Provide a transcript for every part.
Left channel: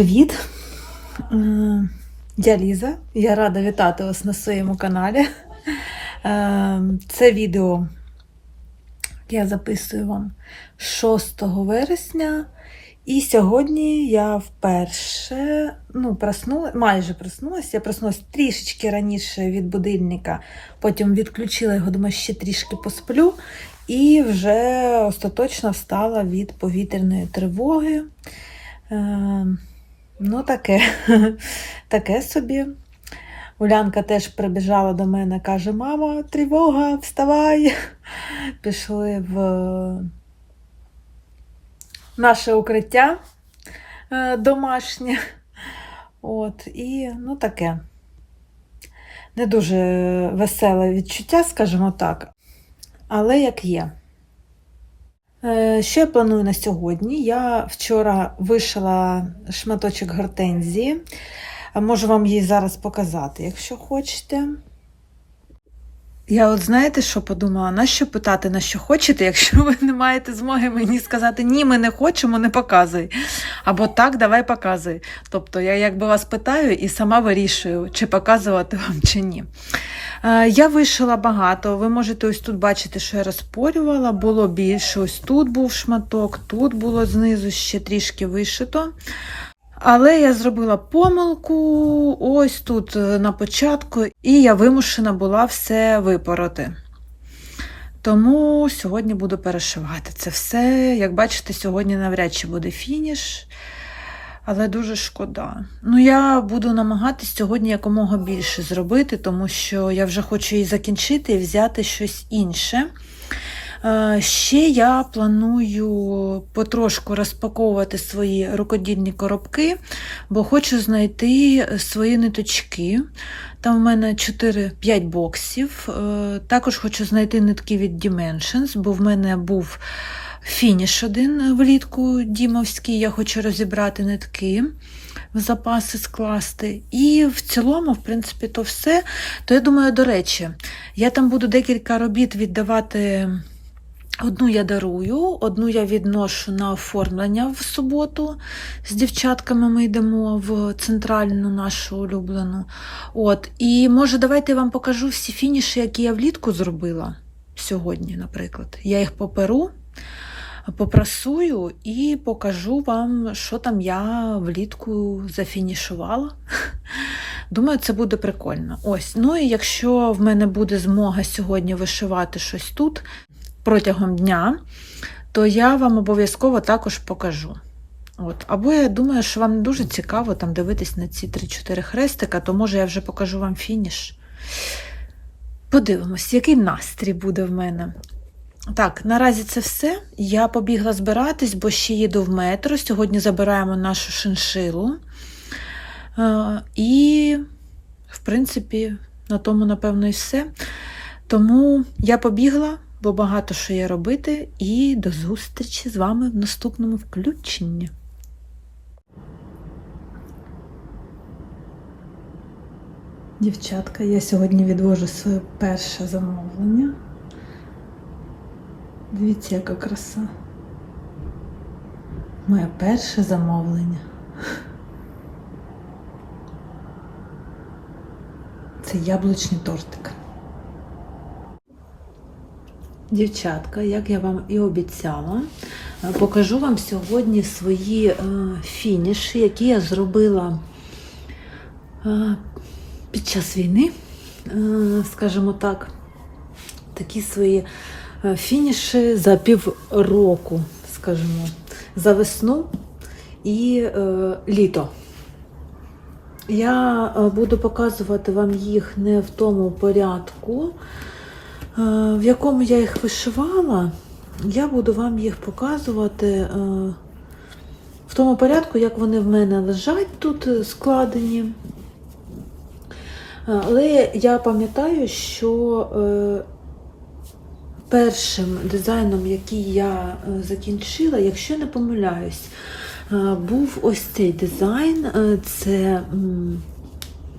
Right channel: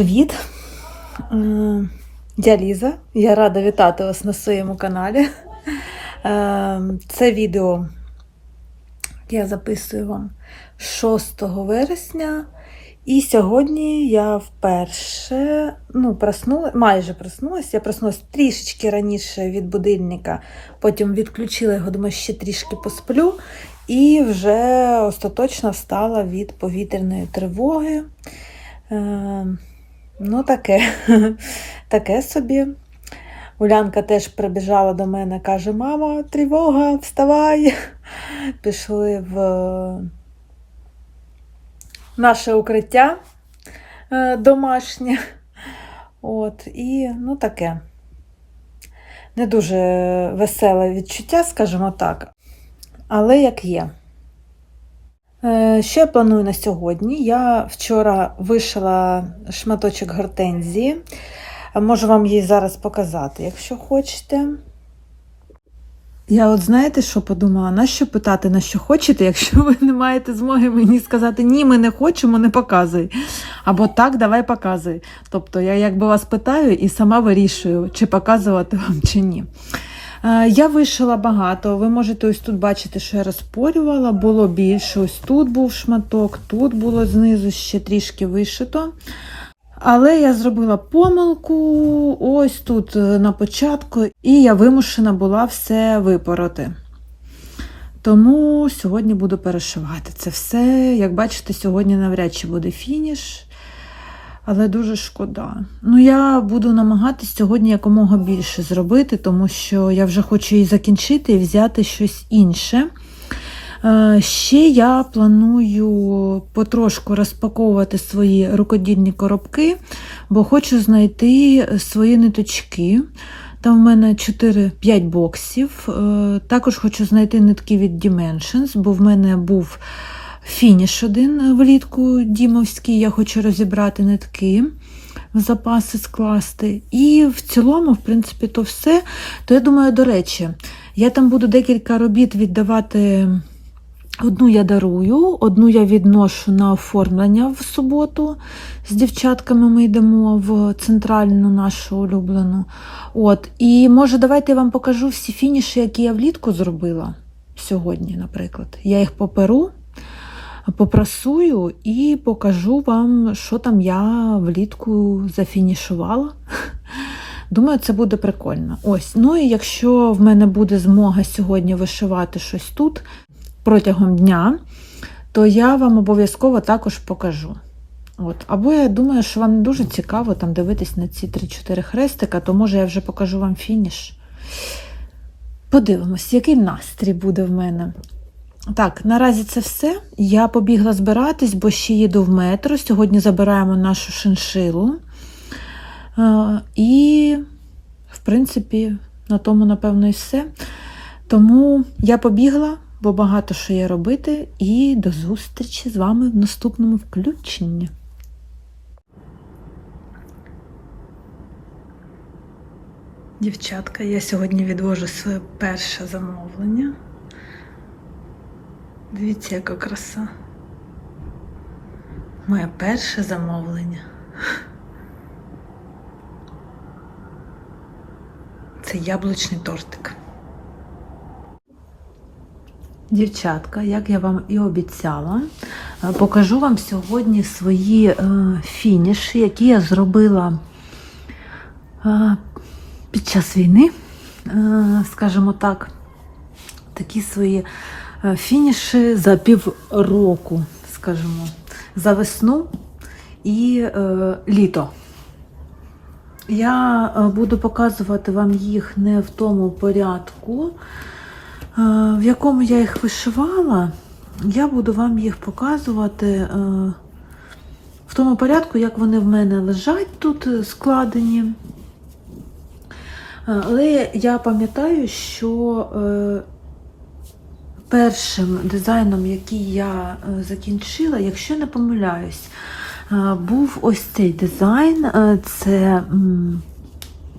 привіт! Е, Я Ліза. Я рада вітати вас на своєму каналі. Е, Це відео я записую вам 6 вересня. І сьогодні я вперше ну, проснула, майже проснулася. Я проснулася трішечки раніше від будильника, потім відключила його, думаю, ще трішки посплю, і вже остаточно встала від повітряної тривоги. Е, Ну, таке, таке собі. Улянка теж прибіжала до мене, каже: Мама, тривога, вставай. Пішли в наше укриття е, домашнє. От, і ну таке. Не дуже веселе відчуття, скажімо так. Але як є. Е, Що я планую на сьогодні? Я вчора вишила шматочок гортензії. Можу вам її зараз показати, якщо хочете. Я от знаєте, що подумала? На що питати, на що хочете, якщо ви не маєте змоги мені сказати ні, ми не хочемо, не показуй. Або так, давай показуй. Тобто я якби вас питаю і сама вирішую, чи показувати вам, чи ні. Е, Я вишила багато. Ви можете ось тут бачити, що я розпорювала, було більше. Ось тут був шматок, тут було знизу ще трішки вишито. Але я зробила помилку ось тут е, на початку, і я вимушена була все випороти. Тому сьогодні буду перешивати це все. Як бачите, сьогодні навряд чи буде фініш, але дуже шкода. Ну, я буду намагатись сьогодні якомога більше зробити, тому що я вже хочу її закінчити і взяти щось інше. Е, Ще я планую потрошку розпаковувати свої рукодільні коробки, бо хочу знайти свої ниточки. Там в мене 4-5 боксів. Е, Також хочу знайти нитки від Dimensions, бо в мене був фініш один влітку дімовський. Я хочу розібрати нитки. В запаси скласти. І в цілому, в принципі, то все. То я думаю, до речі, я там буду декілька робіт віддавати. Одну я дарую, одну я відношу на оформлення в суботу. З дівчатками ми йдемо в центральну нашу улюблену. От. І може, давайте я вам покажу всі фініші, які я влітку зробила сьогодні, наприклад. Я їх поперу, попрасую і покажу вам, що там я влітку зафінішувала. Думаю, це буде прикольно. Ось. Ну і якщо в мене буде змога сьогодні вишивати щось тут протягом дня, то я вам обов'язково також покажу. От. Або я думаю, що вам дуже цікаво там дивитись на ці 3-4 хрестика, то може я вже покажу вам фініш. Подивимось, який настрій буде в мене. Так, наразі це все. Я побігла збиратись, бо ще їду в метро. Сьогодні забираємо нашу шиншилу. Е, І, в принципі, на тому, напевно, і все. Тому я побігла, бо багато що є робити, і до зустрічі з вами в наступному включенні. Дівчатка, я сьогодні відвожу своє перше замовлення. Дивіться, яка краса. Моє перше замовлення. Це яблучний тортик. Дівчатка, як я вам і обіцяла, е, покажу вам сьогодні свої е, фініші, які я зробила е, під час війни, скажімо так, такі свої фініші за півроку, скажімо, за весну і літо. Я буду показувати вам їх не в тому порядку, в якому я їх вишивала, я буду вам їх показувати в тому порядку, як вони в мене лежать тут складені. Але я пам'ятаю, що першим дизайном, який я закінчила, якщо не помиляюсь, був ось цей дизайн. Це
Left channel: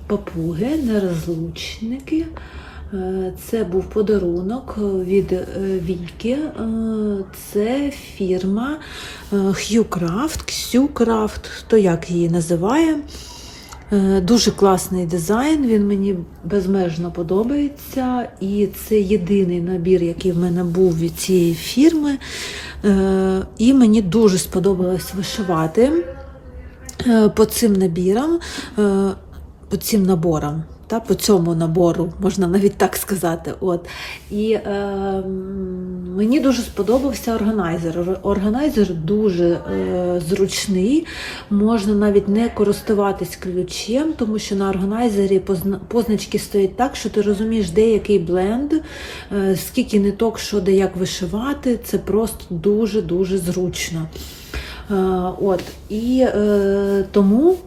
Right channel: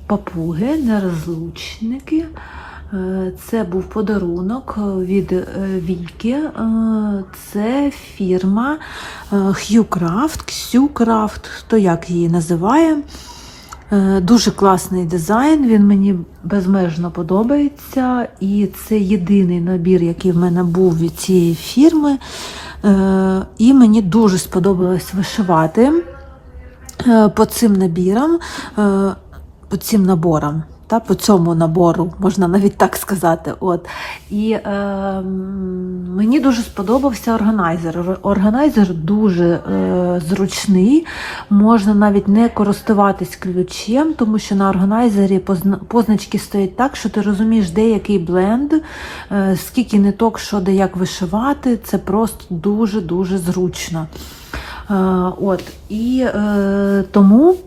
папуги, нерозлучники. Е, Це був подарунок від е. Е, Це фірма е, Hue Craft, Xu Craft, хто як її називає. Е, Дуже класний дизайн, він мені безмежно подобається. І це єдиний набір, який в мене був від цієї фірми. Е, І мені дуже сподобалось вишивати е, по цим набірам, по цим наборам. Та, по цьому набору, можна навіть так сказати. От. І е, мені дуже сподобався органайзер. Органайзер дуже е, зручний, можна навіть не користуватись ключем, тому що на органайзері позна- позначки стоять так, що ти розумієш, де який бленд, е, скільки ниток, що де як вишивати. Це просто дуже-дуже зручно. Е, от. І е, тому.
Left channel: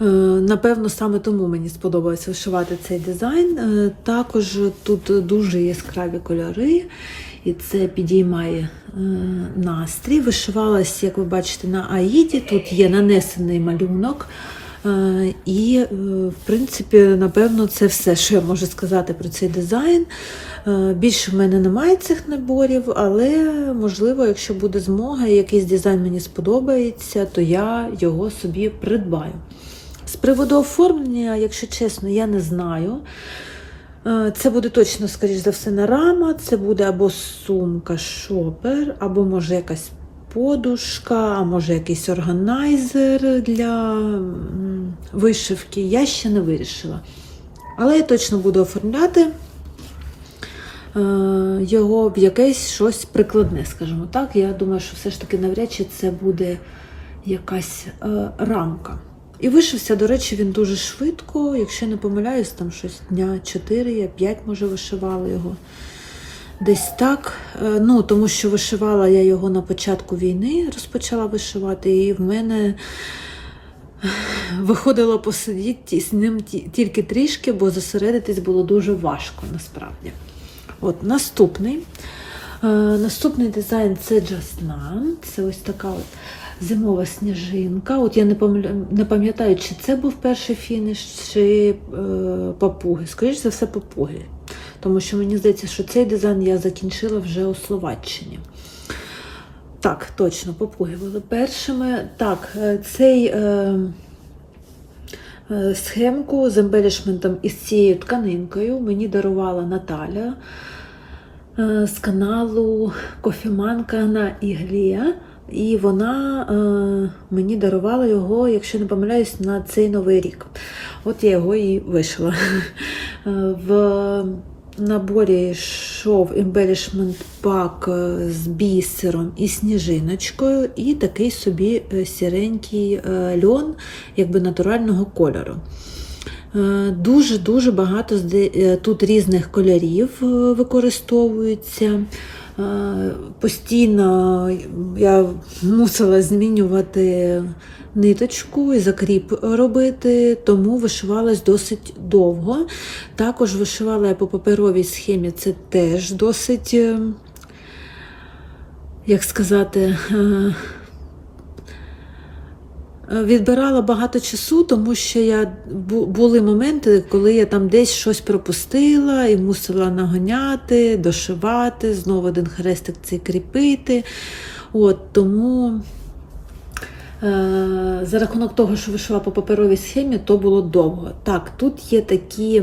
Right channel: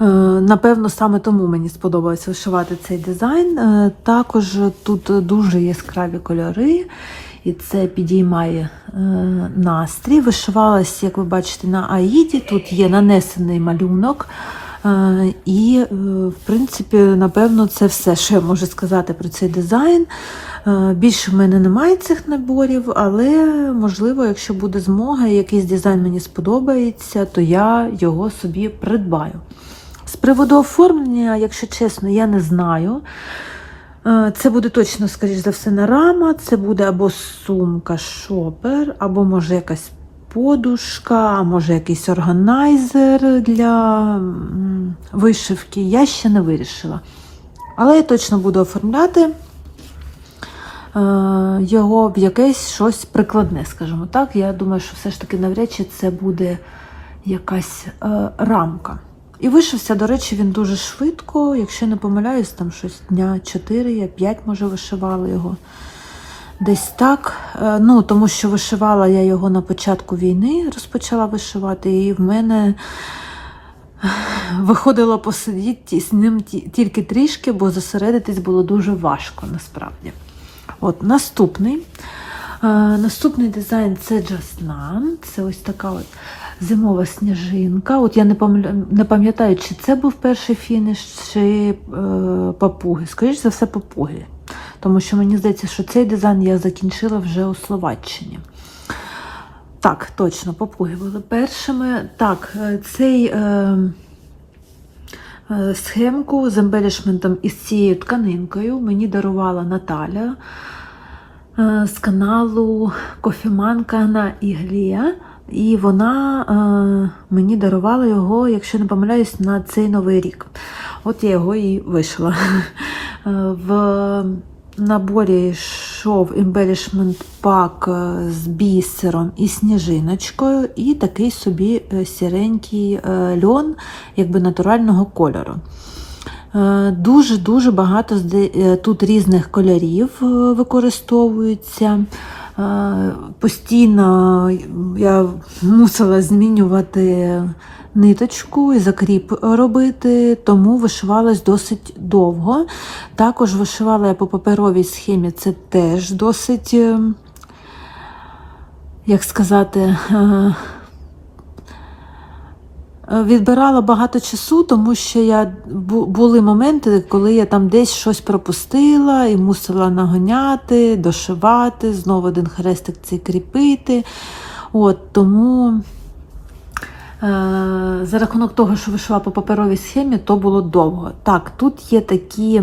Е, Напевно, саме тому мені сподобалось вишивати цей дизайн. Е, Також тут дуже яскраві кольори, і це підіймає е, настрій. Вишивалась, як ви бачите, на Аїді. Тут є нанесений малюнок. І, в принципі, напевно, це все, що я можу сказати про цей дизайн. Більше в мене немає цих наборів, але можливо, якщо буде змога, якийсь дизайн мені сподобається, то я його собі придбаю. З приводу оформлення, якщо чесно, я не знаю. Е, Це буде точно, скоріш за все, не рама, це буде або сумка шопер, або може якась подушка, може якийсь органайзер для вишивки. Я ще не вирішила. Але я точно буду оформляти е, його в якесь щось прикладне, скажімо так. Я думаю, що все ж таки навряд чи це буде якась е, рамка. І вишився, до речі, він дуже швидко. Якщо не помиляюсь, там щось дня 4, я 5 може вишивала його. Десь так. Е, Ну, тому що вишивала я його на початку війни, розпочала вишивати, і в мене е, виходило посидіти з ним тільки трішки, бо зосередитись було дуже важко насправді. От, наступний. Е, Наступний дизайн це Just None. Це ось така от зимова сніжинка. От я не пам'ятаю, чи це був перший фініш, чи е, папуги. Скоріше за все, папуги. Тому що мені здається, що цей дизайн я закінчила вже у Словаччині. Так, точно, папуги були першими. Так, е, цей. Е, е, Схемку з ембелішментом із цією тканинкою мені дарувала Наталя е, з каналу Кофіманка на Іглія. І вона е, мені дарувала його, якщо не помиляюсь, на цей новий рік. От я його і вишила. Е, В наборі йшов embellishment пак е, з бісером і сніжиночкою, і такий собі е, сіренький льон, якби натурального кольору. Дуже-дуже багато тут різних кольорів використовується. Постійно я мусила змінювати ниточку і закріп робити, тому вишивалась досить довго. Також вишивала я по паперовій схемі, це теж досить, е, як сказати, е, Відбирала багато часу, тому що я були моменти, коли я там десь щось пропустила і мусила нагоняти, дошивати, знову один хрестик цей кріпити. От, тому е, за рахунок того, що вишивала по паперовій схемі, то було довго. Так, тут є такі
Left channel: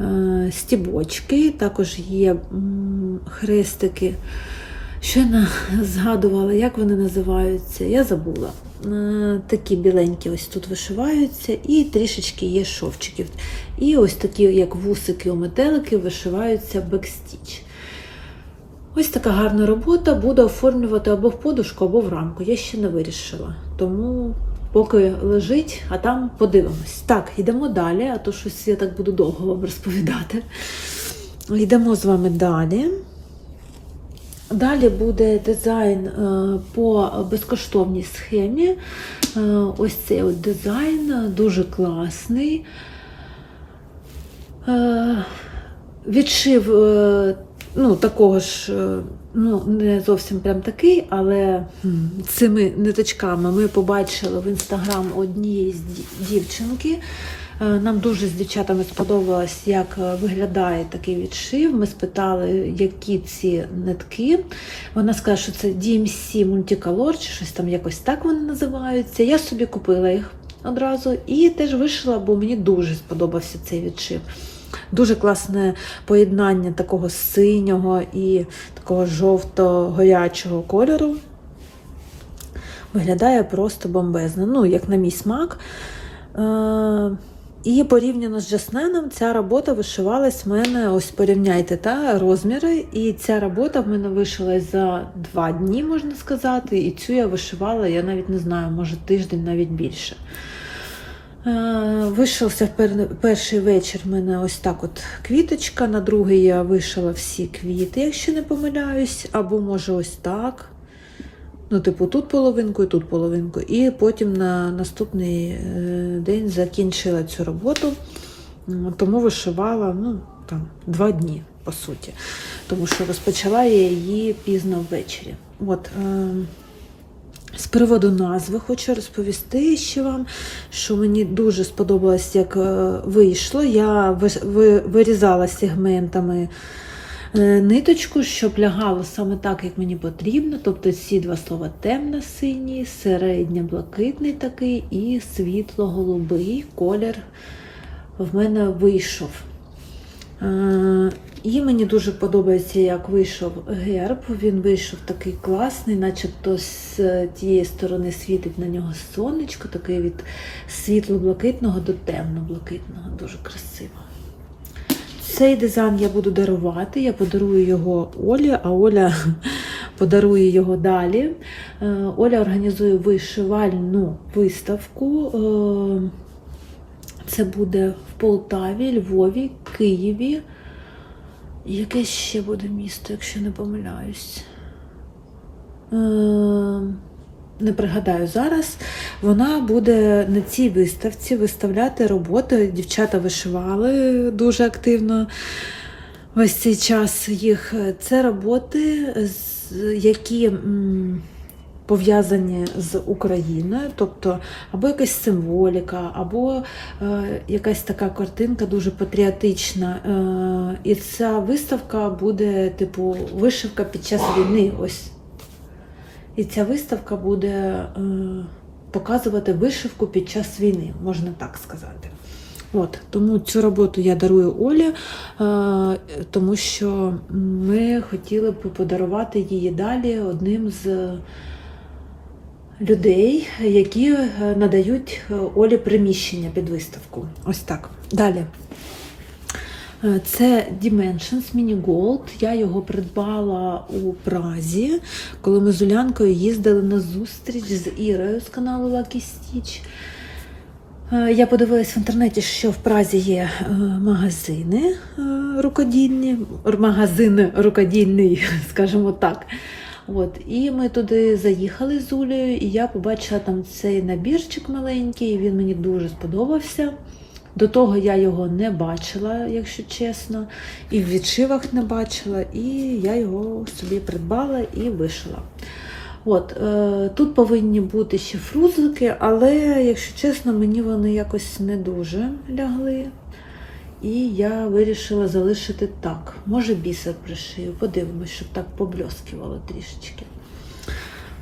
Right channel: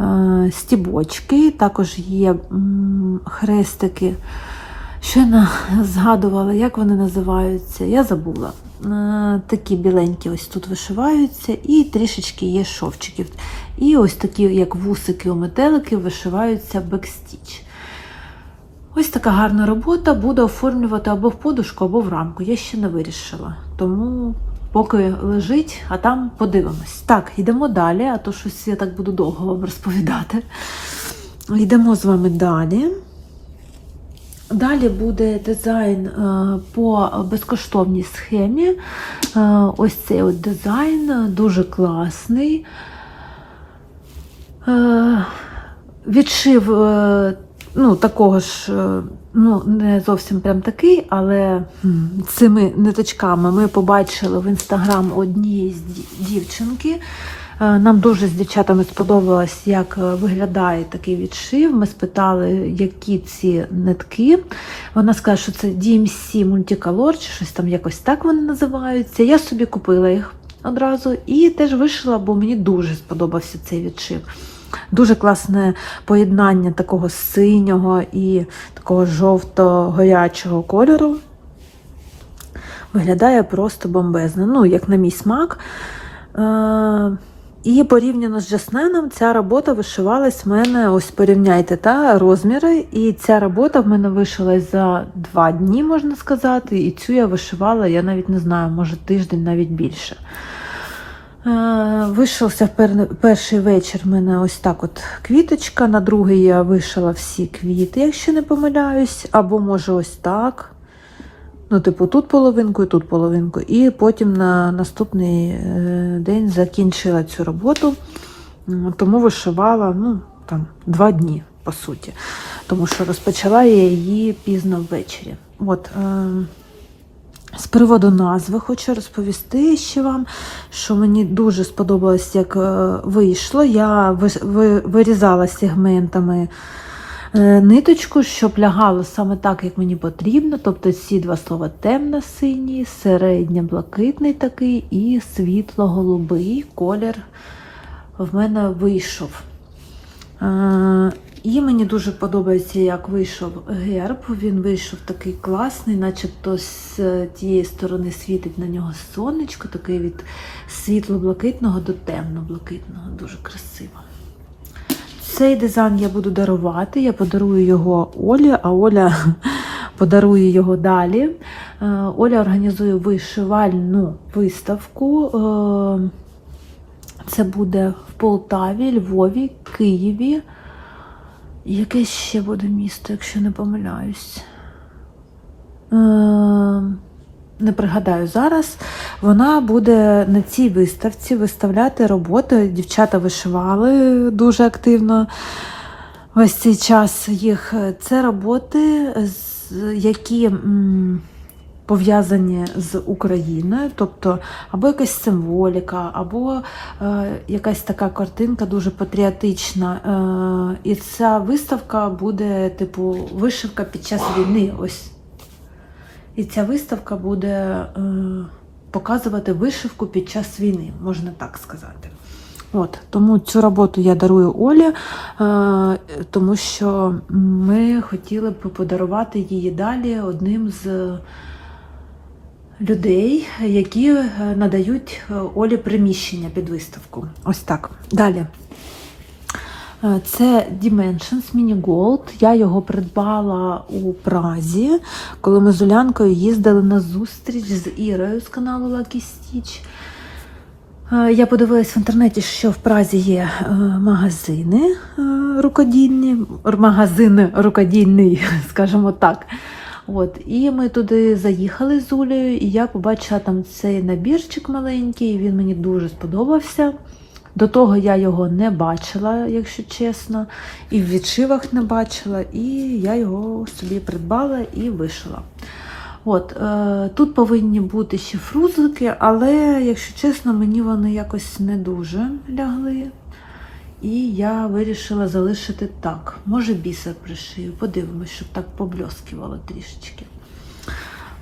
е, стібочки, також є хрестики. Що я згадувала, як вони називаються, я забула. Е, Такі біленькі ось тут вишиваються, і трішечки є шовчиків. І ось такі, як вусики у метелики, вишиваються бекстіч. Ось така гарна робота. Буду оформлювати або в подушку, або в рамку. Я ще не вирішила. Тому поки лежить, а там подивимось. Так, йдемо далі, а то щось я так буду довго вам розповідати. Йдемо з вами далі. Далі буде дизайн е, по безкоштовній схемі. Е, Ось цей от дизайн е, дуже класний. Відшив ну, такого ж, ну, не зовсім прям такий, але цими ниточками ми побачили в інстаграм однієї з дівчинки. Е, Нам дуже з дівчатами сподобалось, як е, виглядає такий відшив. Ми спитали, які ці нитки. Вона сказала, що це DMC Multicolor, чи щось там якось так вони називаються. Я собі купила їх одразу і теж вишила, бо мені дуже сподобався цей відшив. Дуже класне поєднання такого синього і такого жовто-горячого кольору. Виглядає просто бомбезно, ну, як на мій смак. І порівняно з Джасненом, ця робота вишивалась в мене, ось порівняйте та, розміри. І ця робота в мене вишилась за два дні, можна сказати. І цю я вишивала, я навіть не знаю, може тиждень, навіть більше. Е, Вишився перший вечір в мене ось так от квіточка, на другий я вишила всі квіти, якщо не помиляюсь, або може ось так. Ну, типу, тут половинку і тут половинку. І потім на наступний е, день закінчила цю роботу, тому вишивала ну, там, два дні, по суті. Тому що розпочала я її пізно ввечері. От, е, з приводу назви хочу розповісти ще вам, що мені дуже сподобалось, як е, вийшло. Я ви- ви- вирізала сегментами ниточку, щоб лягало саме так, як мені потрібно. Тобто ці два слова темно-синій, середньо-блакитний такий і світло-голубий колір в мене вийшов. Е, І мені дуже подобається, як вийшов герб. Він вийшов такий класний, начебто з е, тієї сторони світить на нього сонечко, такий від світло-блакитного до темно-блакитного. Дуже красиво. Цей дизайн я буду дарувати. Я подарую його Олі, а Оля подарує його далі. Е, Оля організує вишивальну виставку. Е, Це буде в Полтаві, Львові, Києві. Яке ще буде місто, якщо не помиляюсь. Не пригадаю зараз. Вона буде на цій виставці виставляти роботи. Дівчата вишивали дуже активно. Ось цей час їх. Це роботи, які. пов'язані з Україною, тобто або якась символіка, або е, якась така картинка дуже патріотична. Е, і ця виставка буде, типу, вишивка під час війни. Ось. І ця виставка буде е, показувати вишивку під час війни, можна так сказати. От, тому цю роботу я дарую Олі, е, тому що ми хотіли б подарувати її далі одним з людей, які е, надають е, Олі приміщення під виставку. Ось так. Далі. Е, Це Dimensions Mini Gold. Я його придбала у Празі, коли ми з Улянкою їздили на зустріч з Ірою з каналу Lucky Stitch. Е, Я подивилась в інтернеті, що в Празі є е, магазини рукодільні, р- магазини рукодільні, скажімо так. От, і ми туди заїхали з Улею, і я побачила там цей набірчик маленький, і він мені дуже сподобався. До того я його не бачила, якщо чесно, і в відшивах не бачила, і я його собі придбала і вишила. От, е, тут повинні бути ще фрузики, але, якщо чесно, мені вони якось не дуже лягли. І я вирішила залишити так. Може, бісер пришию, подивимось, щоб так побльоскувало трішечки.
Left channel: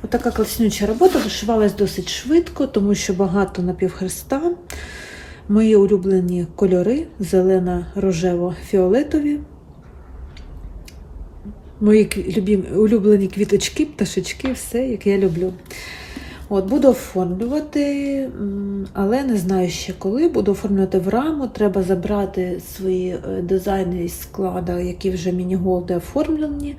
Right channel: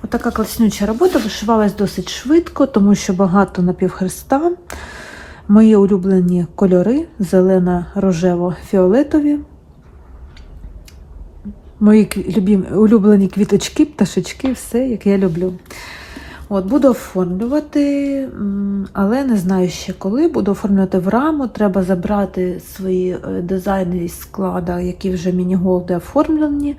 Отака класнюча робота вишивалась досить швидко, тому що багато напівхреста. Мої улюблені кольори зелено-рожево-фіолетові. Мої кві- улюблені квіточки, пташечки, все, як я люблю. От, буду оформлювати, але не знаю ще коли. Буду оформлювати в раму. Треба забрати свої е, дизайни із склада, які вже міні-голди оформлені,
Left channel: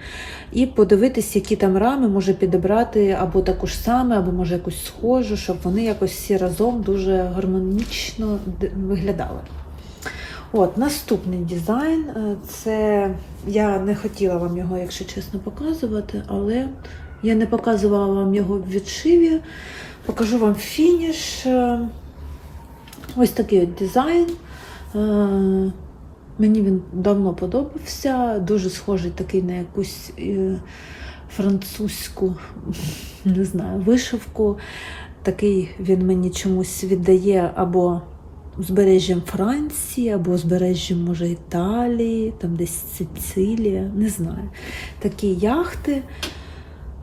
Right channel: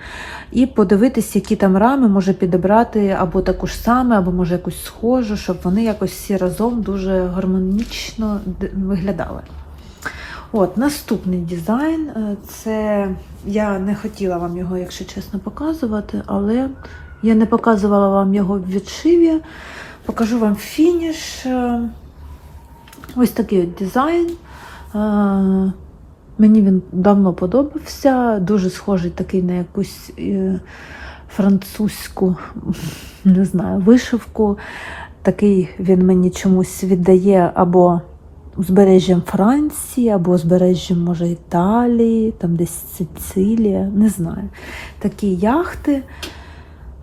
і подивитись, які там рами може підібрати або таку ж саме, або може якусь схожу, щоб вони якось всі разом дуже гармонічно виглядали. От, наступний дизайн. е, Це я не хотіла вам його, якщо чесно, показувати, але я не показувала вам його в відшиві. Покажу вам фініш. Ось такий от дизайн. Е, Мені він давно подобався. Дуже схожий такий на якусь е, французьку, не знаю, вишивку. Такий він мені чомусь віддає або узбережжям Франції або узбережжям, може, Італії, там десь Сицилія, не знаю. Такі яхти.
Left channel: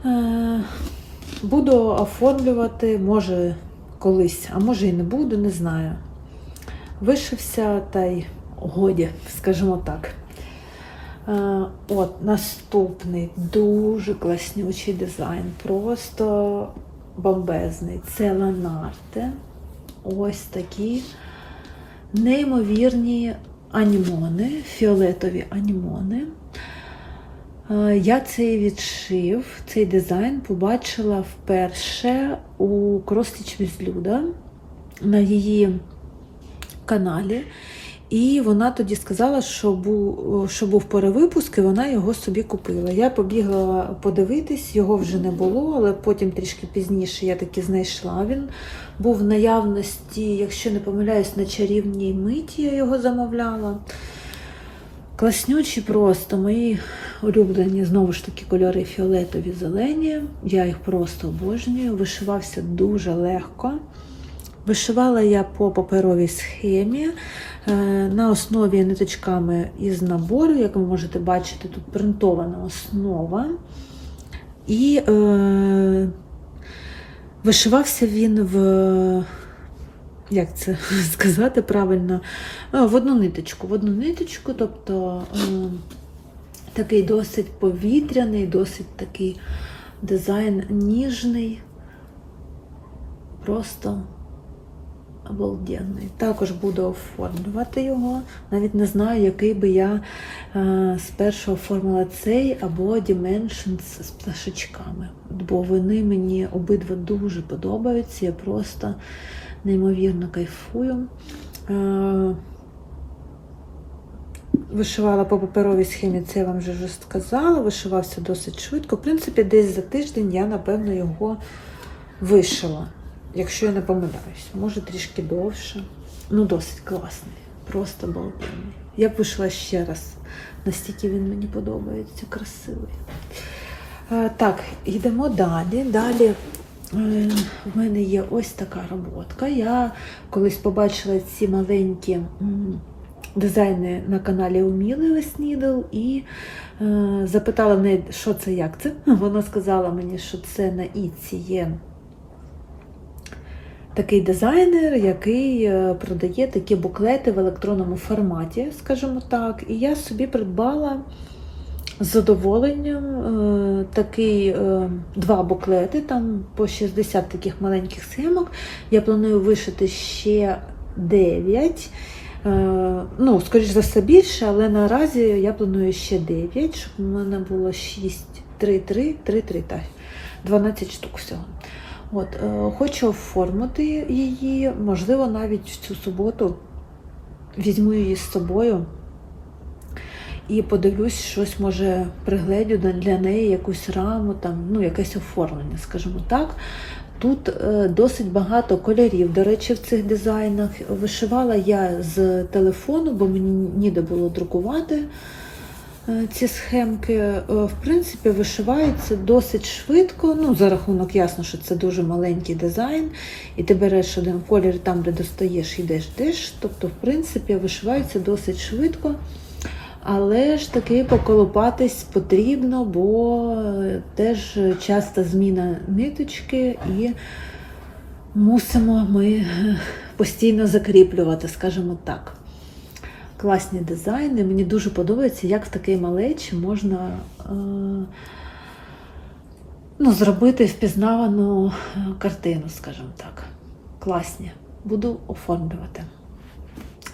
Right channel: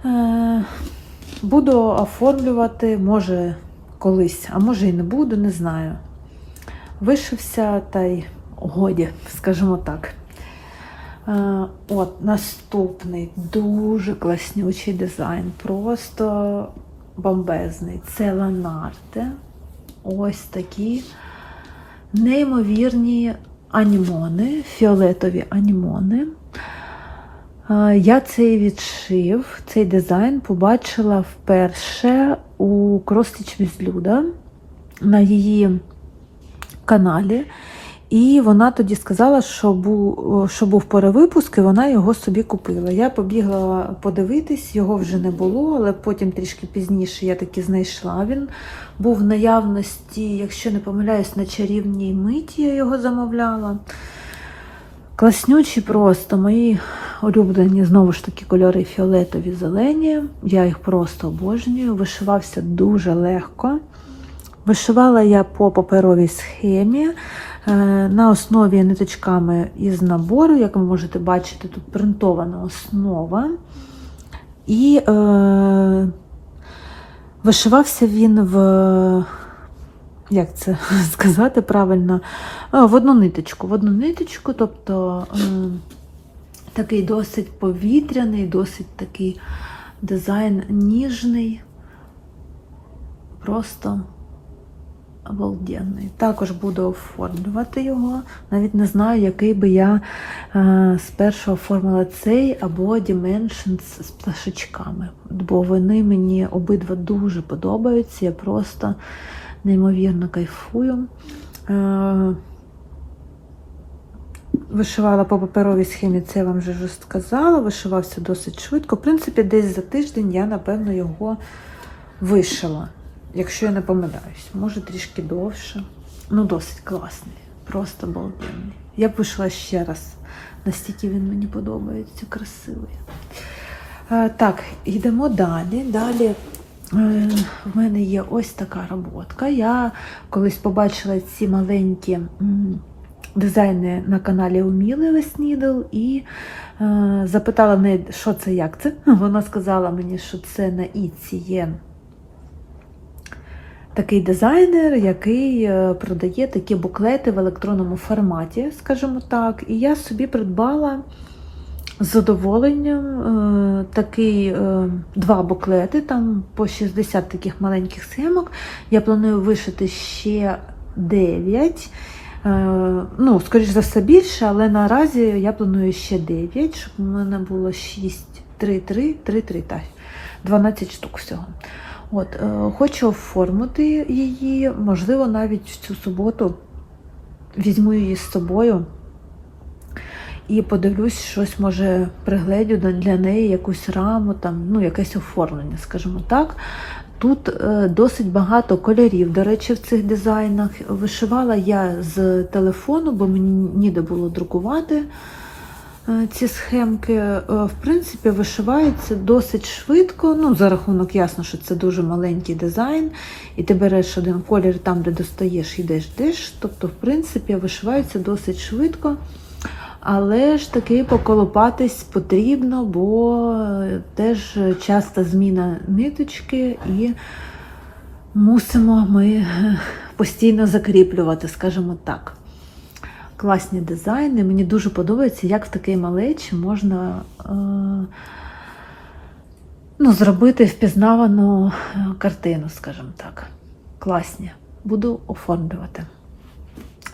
Е, Буду оформлювати, може, колись, а може і не буду, не знаю. Вишився та й годі, скажімо так. Е, От наступний дуже класнючий дизайн, просто бомбезний. Це Ланарте. Ось такі неймовірні анімони, фіолетові анімони. Я цей відшив, цей дизайн побачила вперше у Кростіч Візлюда на її каналі. І вона тоді сказала, що був, що був перевипуск, і вона його собі купила. Я побігла подивитись, його вже не було, але потім трішки пізніше я таки знайшла. Він був в наявності, якщо не помиляюсь, на чарівній миті я його замовляла. Класнючі просто мої улюблені знову ж таки кольори фіолетові зелені. Я їх просто обожнюю. Вишивався дуже легко. Вишивала я по паперовій схемі е, на основі ниточками із набору, як ви можете бачити, тут принтована основа. І е, вишивався він в, як це сказати правильно, в одну ниточку. В одну ниточку, тобто е, такий досить повітряний, досить такий дизайн ніжний. Просто обалденний. Також буду оформлювати його. Навіть не знаю, який би я е, спершу оформила цей або Dimensions з пташечками. Бо вони мені обидва дуже подобаються. Я просто неймовірно кайфую. Е, Вишивала по паперовій схемі, це я вам вже сказала. Вишивався досить швидко. В принципі, десь за тиждень я, напевно, його вишила. Якщо я не помиляюсь, може трішки довше. Ну, досить класний. Просто балденний. Я б вийшла ще раз. Настільки він мені подобається, красивий. Е, так, йдемо далі. Далі е, в мене є ось така роботка. Я колись побачила ці маленькі дизайни на каналі Уміли Веснідл і е, запитала неї, що це, як це. Вона сказала мені, що це на Іці є такий дизайнер, який е, продає такі буклети в електронному форматі, скажімо так. І я собі придбала з задоволенням е, такий, е, два буклети, там по 60 таких маленьких схемок. Я планую вишити ще 9. Е, Ну, скоріш за все більше, але наразі я планую ще 9, щоб у мене було 6, 3, 3, 3, 3, так, 12 штук всього. От, е, хочу оформити її, можливо, навіть в цю суботу візьму її з собою і подивлюсь, щось може пригледю для неї якусь раму, там, ну, якесь оформлення, скажімо так. Тут е, досить багато кольорів, до речі, в цих дизайнах. Вишивала я з телефону, бо мені ніде було друкувати е, ці схемки. Е, В принципі, вишиваються досить швидко. Ну, за рахунок, ясно, що це дуже маленький дизайн, і ти береш один колір там, де достаєш, йдеш йдеш. Тобто, в принципі, вишиваються досить швидко. Але ж таки поколопатись потрібно, бо е, теж часто зміна ниточки і мусимо ми е, постійно закріплювати, скажімо так. Класні дизайни. Мені дуже подобається, як в такий малечі можна е, ну, зробити впізнавану картину, скажімо так. Класні. Буду оформлювати.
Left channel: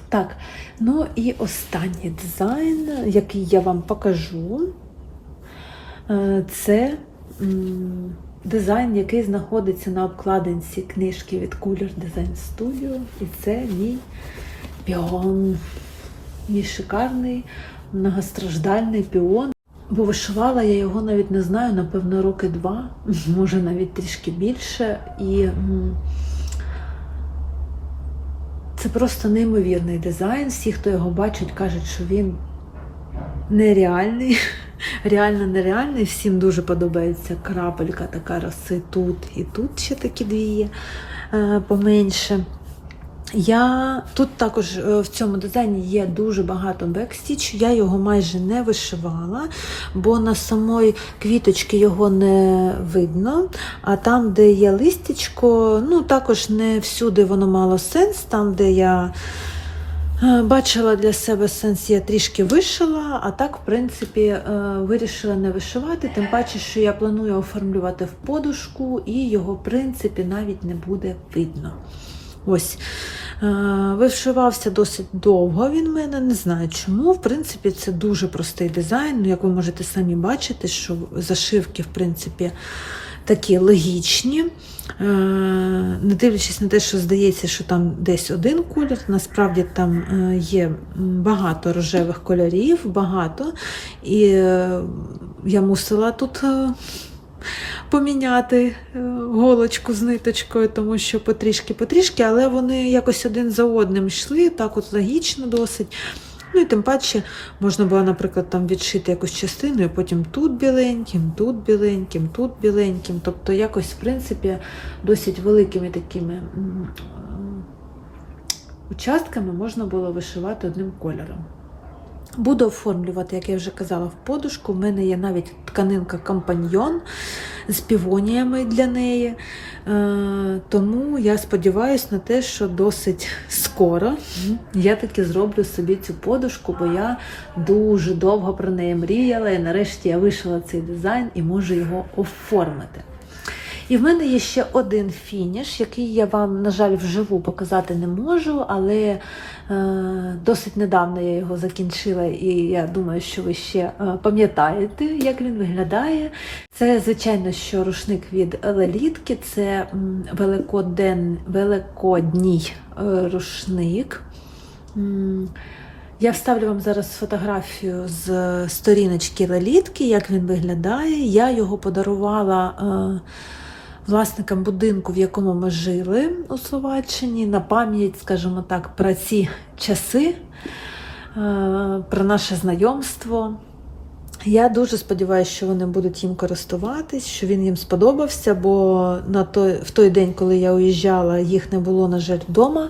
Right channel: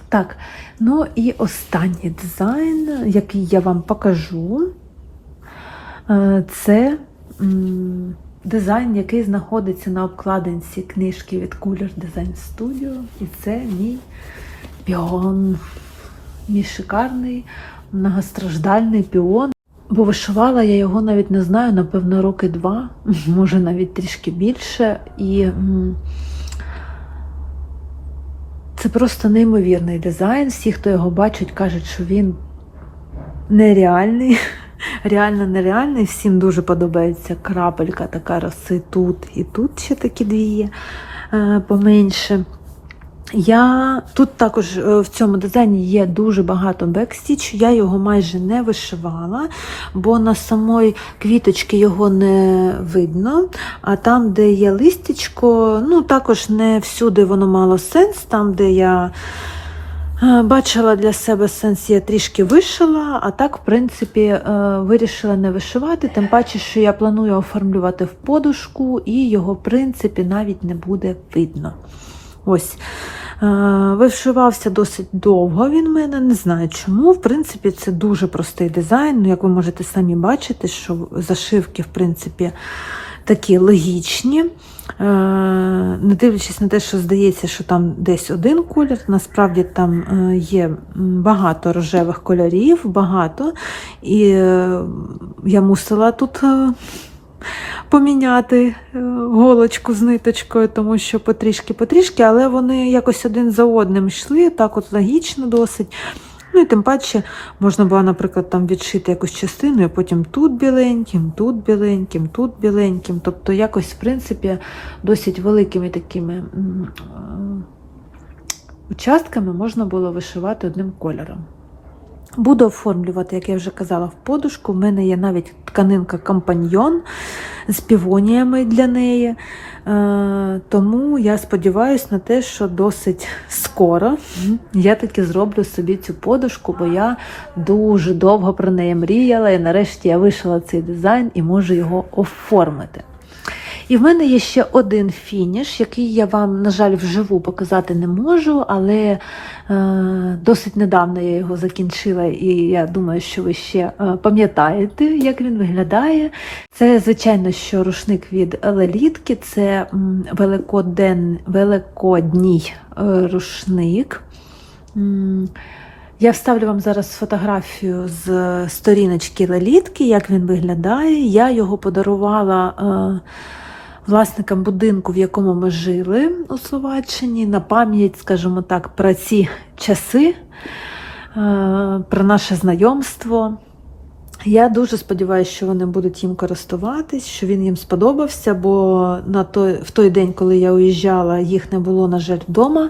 Так, ну і останній дизайн, який я вам покажу, е, це дизайн, який знаходиться на обкладинці книжки від Cooler Design Studio. І це мій піон. Мій шикарний, многостраждальний піон. Бо вишивала я його навіть не знаю, напевно, роки два, може навіть трішки більше. І це просто неймовірний дизайн. Всі, хто його бачить, кажуть, що він нереальний. Реально нереальний. Всім дуже подобається крапелька така роси тут і тут ще такі дві є е, поменше. Я тут також е, в цьому дизайні є дуже багато бекстіч. Я його майже не вишивала, бо на самої квіточки його не видно. А там, де є листячко, ну також не всюди воно мало сенс. Там, де я е, бачила для себе сенс, я трішки вишила, а так, в принципі, е, вирішила не вишивати. Тим паче, що я планую оформлювати в подушку, і його, в принципі, навіть не буде видно. Ось. Е, Вишивався досить довго він мене, не знаю чому. В принципі, це дуже простий дизайн. Ну, як ви можете самі бачити, що зашивки, в принципі, такі логічні. Е, Не дивлячись на те, що здається, що там десь один колір, насправді там е, є багато рожевих кольорів, багато. І я мусила тут. Поміняти е, голочку з ниточкою, тому що потрішки-потрішки, але вони якось один за одним йшли, так от логічно досить. Ну і тим паче можна було, наприклад, там відшити якусь частину, і потім тут біленьким, тут біленьким, тут біленьким. Тобто якось, в принципі, досить великими такими е, участками можна було вишивати одним кольором. Буду оформлювати, як я вже казала, в подушку. В мене є навіть тканинка компаньйон з півоніями для неї. Е, тому я сподіваюся на те, що досить скоро я таки зроблю собі цю подушку, бо я дуже довго про неї мріяла, і нарешті я вишила цей дизайн і можу його оформити. І в мене є ще один фініш, який я вам, на жаль, вживу показати не можу, але е, досить недавно я його закінчила, і я думаю, що ви ще е, пам'ятаєте, як він виглядає. Це, звичайно, що рушник від Лелітки, це великоден, великодній е, рушник. Я вставлю вам зараз фотографію з сторіночки Лелітки, як він виглядає. Я його подарувала е, власникам будинку, в якому ми жили у Словаччині, на пам'ять, скажімо так, про ці часи, е, про наше знайомство. Я дуже сподіваюся, що вони будуть їм користуватись, що він їм сподобався, бо на той, в той день, коли я уїжджала, їх не було, на жаль, вдома.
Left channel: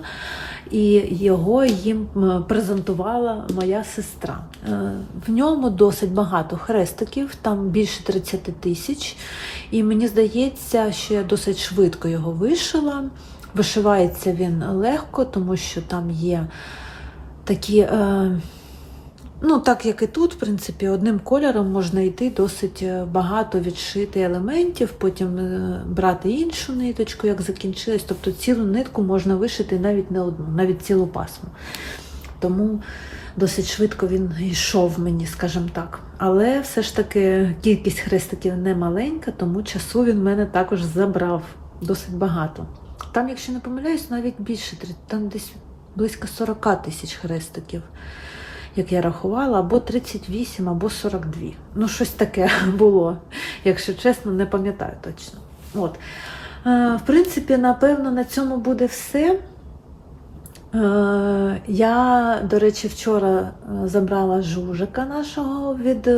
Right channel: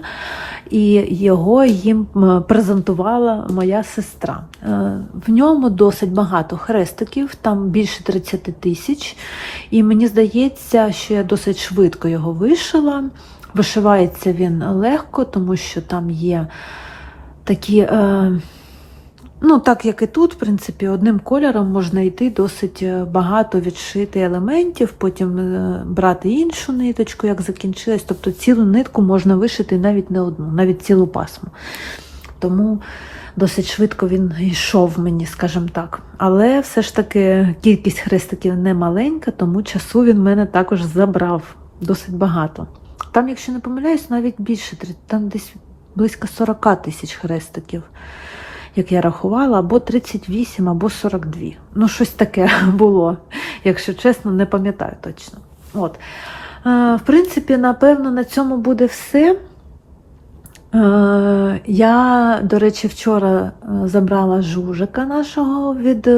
І його їм презентувала моя сестра. Е, В ньому досить багато хрестиків, там більше 30 тисяч. І мені здається, що я досить швидко його вишила. Вишивається він легко, тому що там є такі. Е, Ну, так як і тут, в принципі, одним кольором можна йти досить е, багато відшити елементів, потім е, брати іншу ниточку, як закінчилась. Тобто цілу нитку можна вишити навіть не одну, навіть цілу пасму. Тому досить швидко він йшов мені, скажімо так. Але все ж таки кількість хрестиків не маленька, тому часу він мене також забрав досить багато. Там, якщо не помиляюсь, навіть більше, там десь близько 40 тисяч хрестиків як я рахувала, або 38, або 42. Ну, щось таке було, якщо чесно, не пам'ятаю точно. От. Е, В принципі, напевно, на цьому буде все. Е, Я, до речі, вчора е, забрала жужика нашого від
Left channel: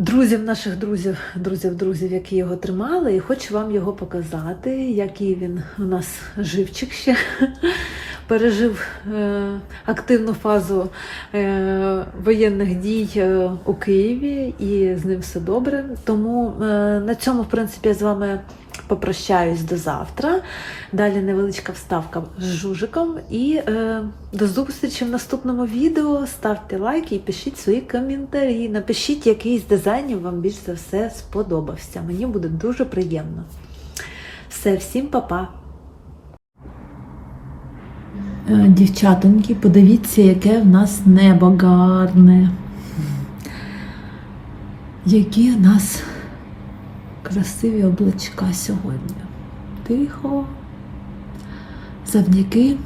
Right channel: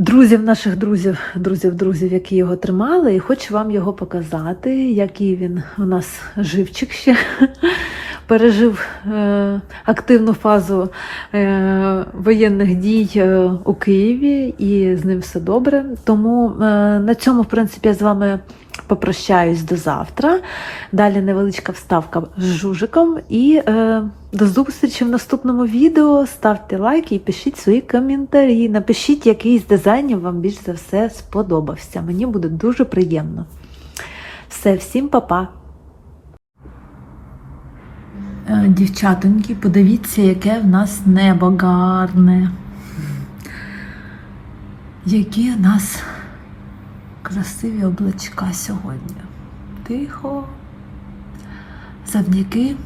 друзів наших друзів, друзів, друзів, які його тримали, і хочу вам його показати, який він у нас живчик ще пережив е, активну фазу е, воєнних дій е, у Києві, і з ним все добре. Тому на цьому, в принципі, я з вами попрощаюсь до завтра. Далі невеличка вставка з жужиком. І до зустрічі в наступному відео. Ставте лайки і пишіть свої коментарі. Напишіть, який з дизайнів вам більш за все сподобався. Мені буде дуже приємно. Все, всім па-па! Е, Дівчатоньки, подивіться, яке в нас небо гарне. Які в нас красиві облачка сьогодні. Тихо. Завдяки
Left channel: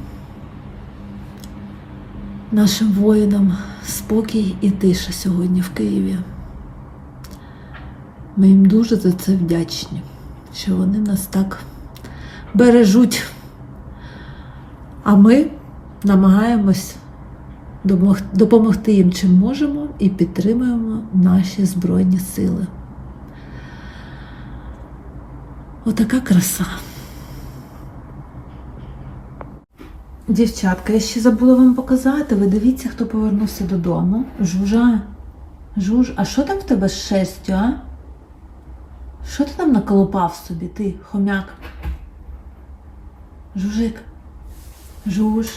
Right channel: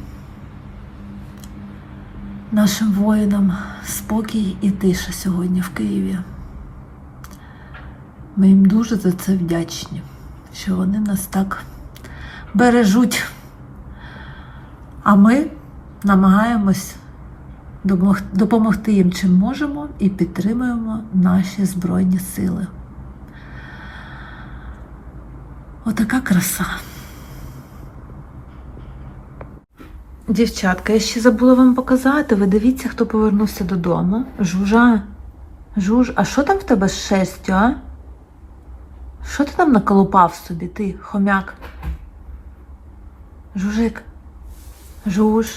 нашим воїнам спокій і тиша сьогодні в Києві. Ми їм дуже за це вдячні, що вони нас так бережуть. А ми намагаємось допомогти їм чим можемо і підтримуємо наші Збройні Сили. Отака краса. Дівчатка, я ще забула вам показати. Ви дивіться, хто повернувся додому. Жужа. Жуж, а що там в тебе з шестю, а? Що ти там наколупав собі, ти, хомяк? Жужик. Жуж.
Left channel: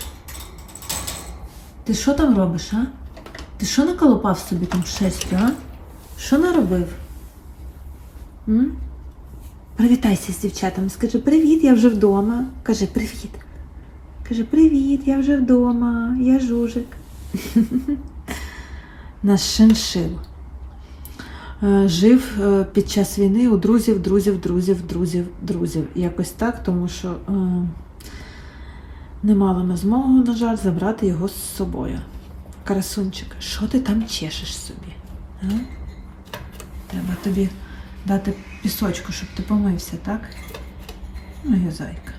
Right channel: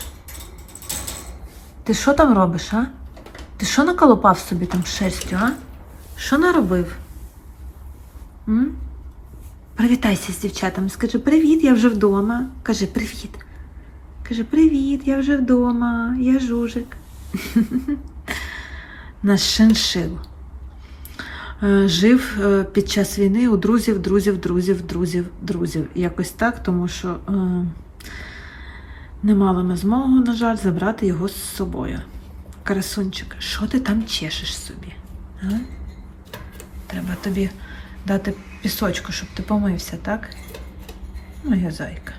Ти що там робиш, а? Ти що наколупав собі там шерстю, а? Що наробив? М? Привітайся з дівчатами. Скажи, привіт, я вже вдома. Кажи, привіт. Каже, привіт, я вже вдома, я жужик. Наш шиншил. Е, Жив е, під час війни у друзів, друзів, друзів, друзів, друзів. Якось так, тому що е, не мала ми змогу, на жаль, забрати його з собою. Карасунчик, що ти там чешеш собі? А? Треба тобі дати пісочку, щоб ти помився, так? Моя зайка.